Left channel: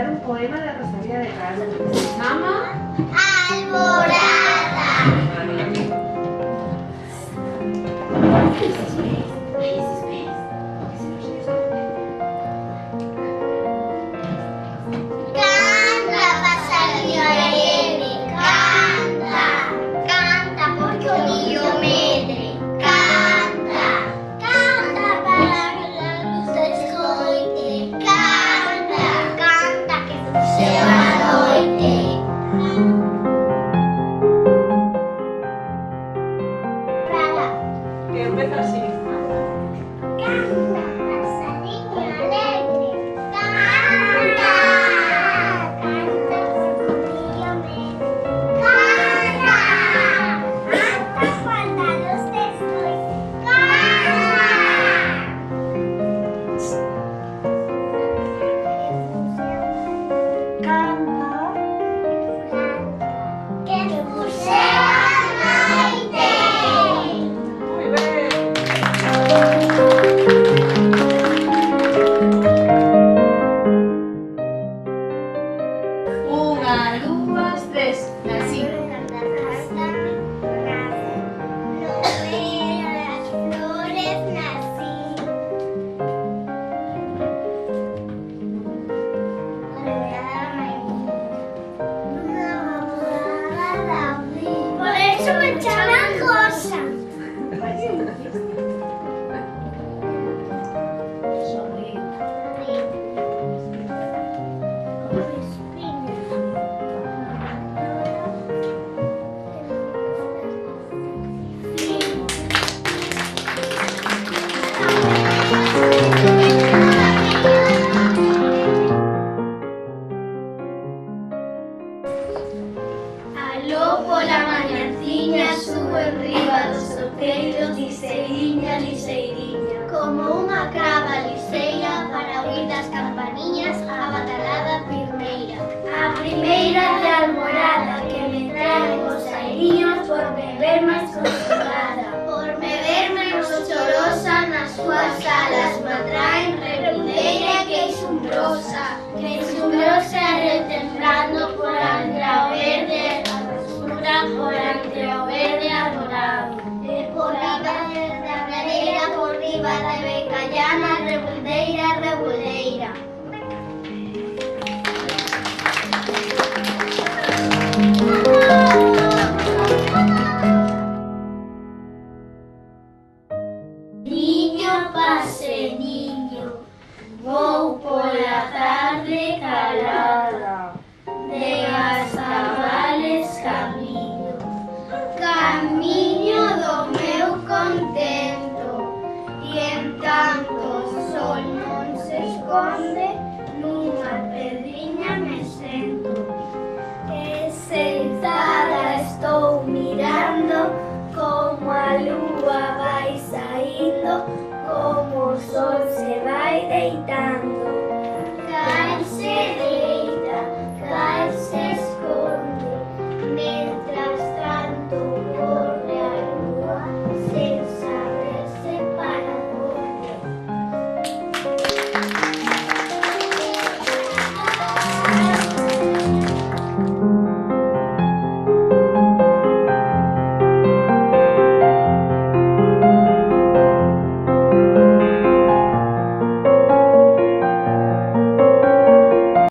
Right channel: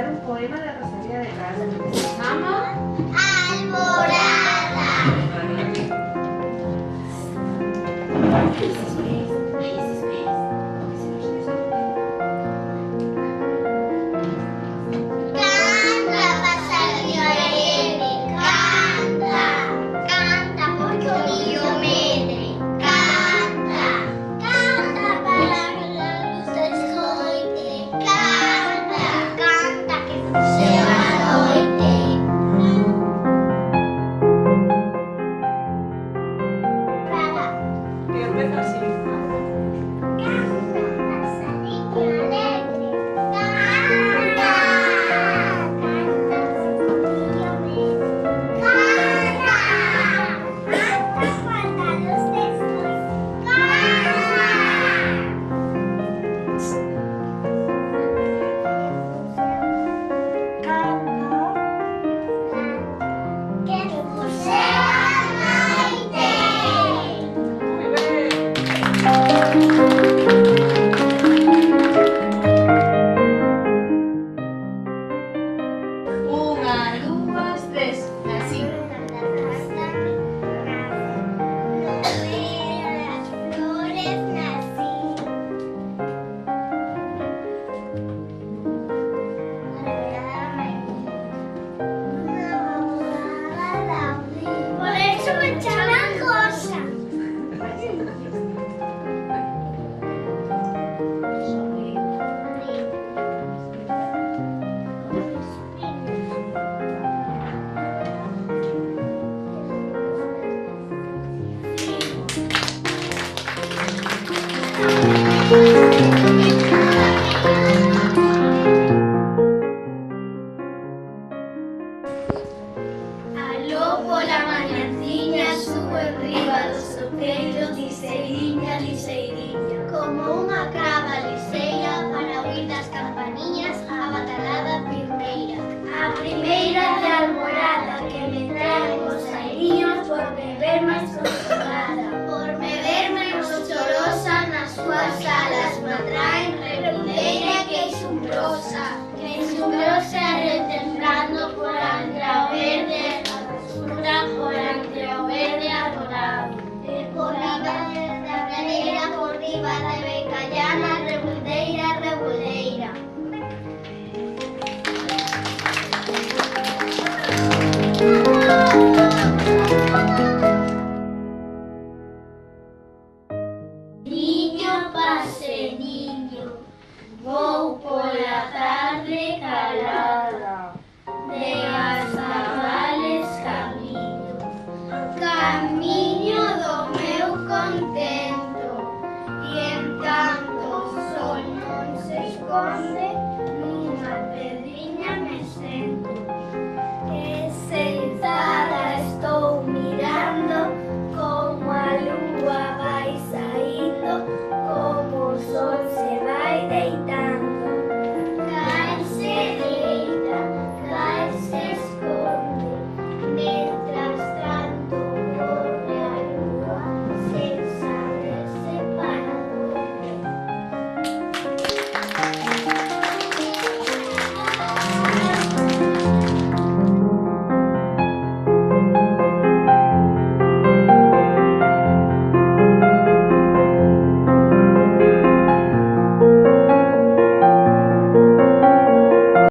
cantar un poema de Rosalía de Castro que se llama Alborada. Canta, pajarillo alegre, canta, canta porque o niño medre, canta, canta para que la luz te escoite, canta, canta que non se va a noite. que empieza así. Canta, pajarillo alegre, canta, canta porque o niño medre, canta, canta cuando la luz te escoite, canta. Canta. Que te puse a noite. Muy bien. Unha, dúas, tres. Así. Por eso me llaman Rosa. Aló pola mañanciña, subo enriba dos outeiros, liseiriña, liseiriña. Como unha crava liseira para oír das campaniñas